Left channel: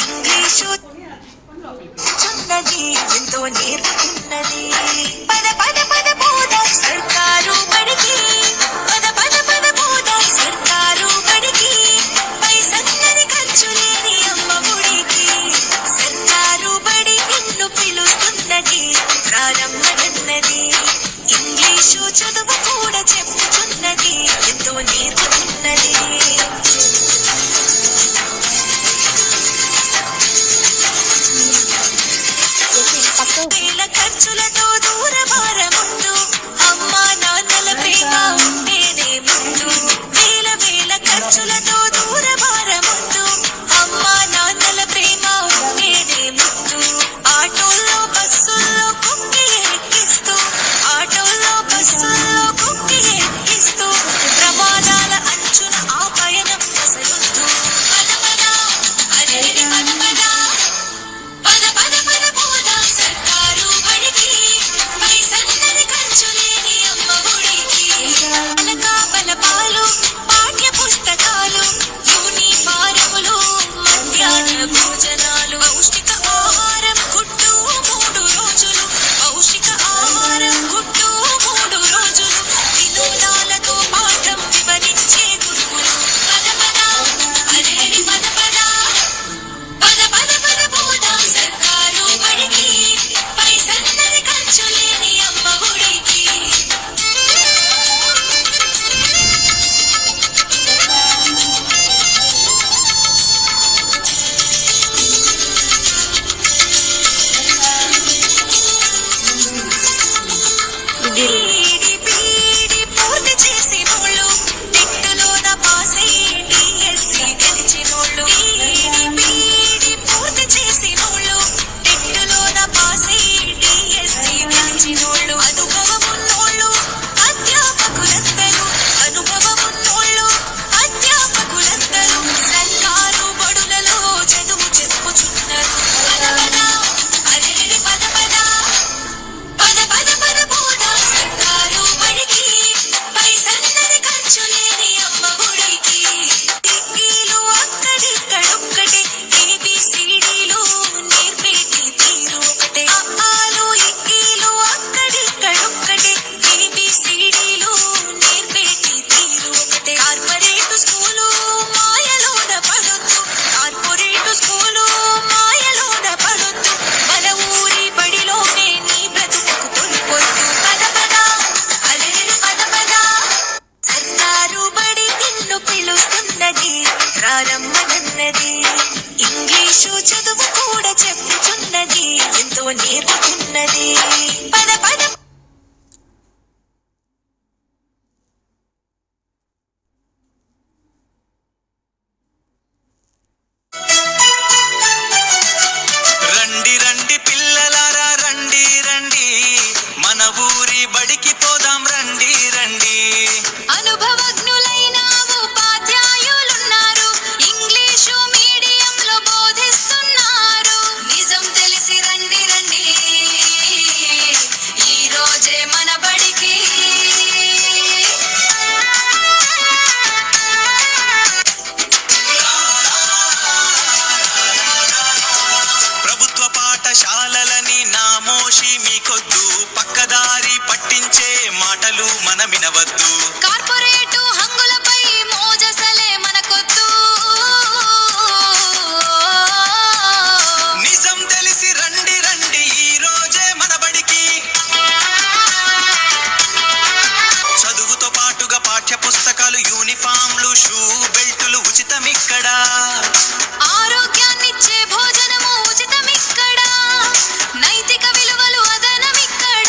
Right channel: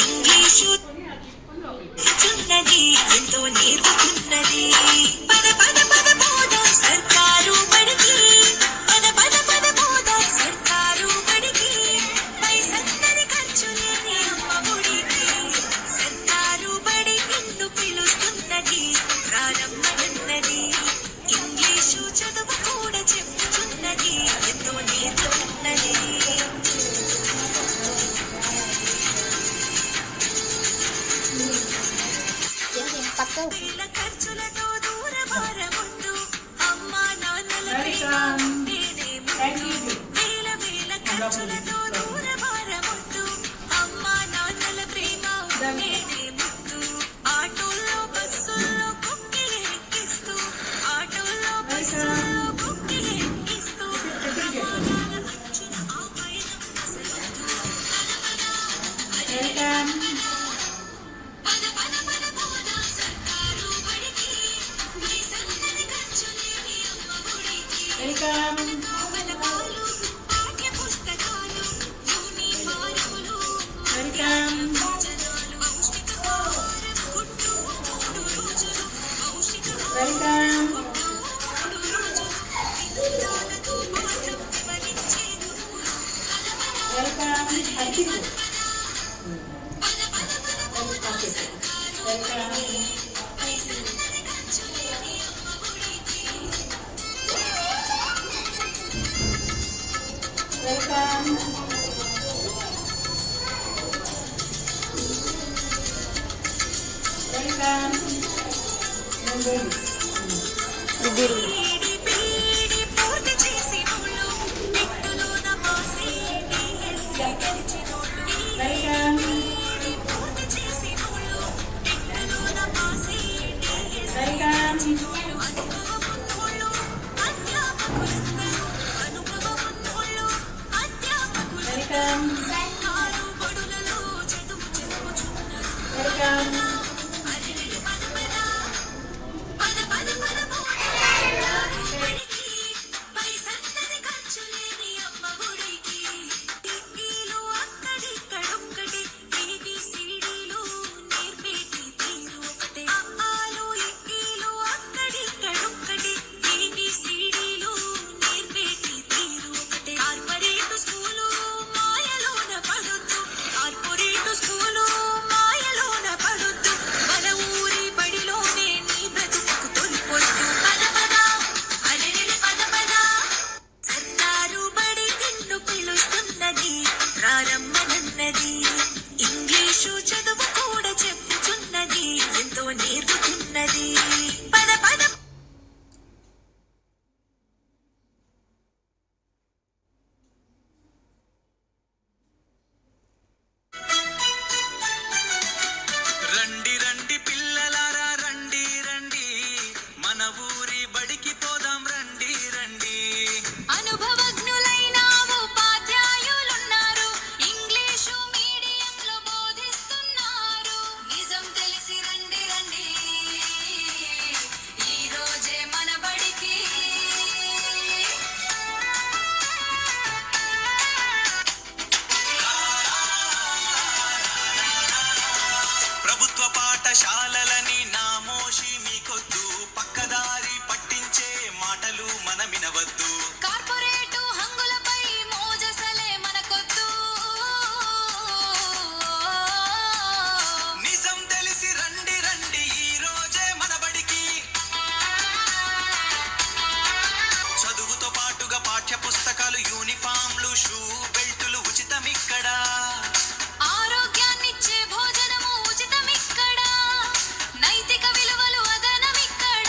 English చున్నది ఎంతో నేర్పుతున్నది. పద పద పద పోదాం సర్కారు బడికి, పద పద పద పోదాం సర్కారు బడికి, పైసన్నది ఖర్చు లేని అమ్మ ఒడికి. సర్కారు బడి నిన్ను పిలుస్తున్నది, ప్రారంభమన్నది. ఇంగ్లీషు చదువు కూడా చెప్పుతున్నది, ఎంతో నేర్పుతున్నది. వేల ఖర్చులతో దూరభారముందు అమ్మా నాన్నల ప్రేమ ఉంటేనే ముందు. వేల వేల ఖర్చులతో దూరభారముందు అమ్మా నాన్నల ప్రేమ ఉంటేనే ముందు. ఆటోల్లో బస్సుల్లో కుక్కి ఎక్కిస్తూ, ఆటోల్లో బస్సుల్లో కుక్కి ఎక్కిస్తూ, ప్రమాదాల అంచున ఆ పయనం అసలుతూ. పద పద అరే పద పద, పద పద పద పోదాం సర్కారు బడికి, పైసన్నది ఖర్చు లేని అమ్మ ఒడికి. కాపల పాలు, పాఠ్య పుస్తకాలు, యూనిఫారములు, మధ్యాహ్న భోజనాలు, పౌష్టిక ఆహారం గుడ్డు 3 రోజులు, పౌష్టిక ఆహారం గుడ్డు 3 రోజులు, వినోదాలతో పాఠం వివరించే గురువులు. పద పద అరే పద పద, పద పద పద పోదాం సర్కారు బడికి, పైసన్నది ఖర్చు లేని అమ్మ ఒడికి. బీఈడీ పూర్తి చేసినోళ్ళు, టెట్టులోన పాస్ అయ్యి డిఎస్సి గెలిచినోళ్ళు. బీఈడీ పూర్తి చేసినోళ్ళు, టెట్టులోన పాస్ అయ్యి డిఎస్సి గెలిచినోళ్ళు. అనుభవమున్నోళ్ళు అధ్యాపకులందరూ, అనుభవమున్నోళ్ళు అధ్యాపకులందరూ సర్కారు బడులలో చదువు చెప్పుచున్నారు. పద పద అరే పద పద, పద పద పద పోదాం సర్కారు బడికి, పైసన్నది ఖర్చు లేని అమ్మ ఒడికి. డిగ్రీలు అక్కడిక్కడొక్కటే, ఏబిసిడీలు నేర్పేటి తీరు ఒకటే. అఆలు ఇక్కీలు అక్కడిక్కడొక్కటే, ఏబిసిడీలు నేర్పేటి తీరు ఒకటే. కార్పొరేటు స్కూలు మాయలోన పడొద్దు, కార్పొరేటు స్కూలు మాయలోన పడొద్దు. మన ఊరి బడిలోనే నీ బ్రతుకు తొలిపొద్దు. పద పద అరే పద పద, సర్కారు బడి నిన్ను పిలుస్తున్నది, ప్రారంభమన్నది. ఇంగ్లీషు చదువు కూడా చెప్పుచున్నది, ఎంతో నేర్పుతున్నది. పద పద రండి రండి పిల్లలారా రండి రండి, మన ఊరి బడికి పోదాం రండి రండి. అనుభవజ్ఞులైన ఉపాధ్యాయులున్నారు, ఇంగ్లీషు మీడియంలో బోధిస్తున్నారు. నిజం తెలిసి రండి రండి, ఈ రోజే మన బడికి. ప్రభుత్వ పాఠశాలలని నామోషి మీకొద్దు, పక్కదారి పట్టించే మాటలు మనమినవద్దు. కార్పొరేటు హంగులపై మోజసలే మనకొద్దు. నిజం తెలిసి రండి రండి, ఈ రోజే మన బడికి. చదువుతో పాటుగా పాఠ్య పుస్తకాలు, యూనిఫామ్లు, షూ బెల్టులు ఉచితమిక్కడ. ఆరోగ్యాన్నిచ్చే భోజనము ఉచితమిక్కడ, నైతిక విలువలు అదనమిక్కడ.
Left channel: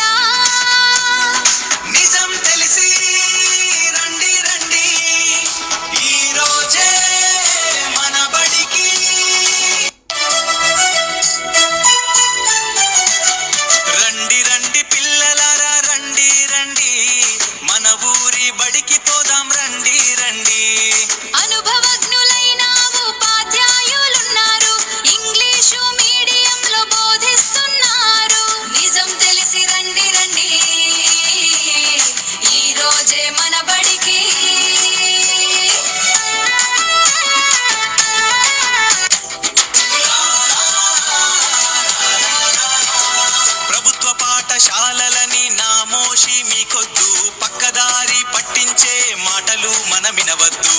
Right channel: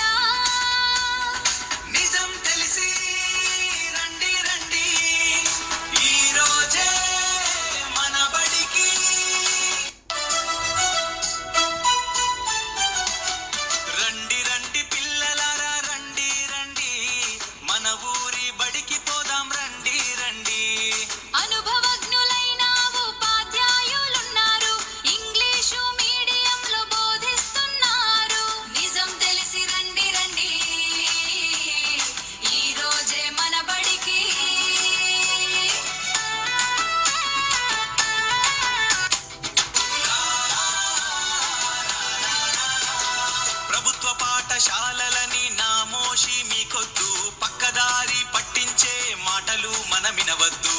నిజం తెలిసి నొప్పించే మాటలు మనమినవద్దు.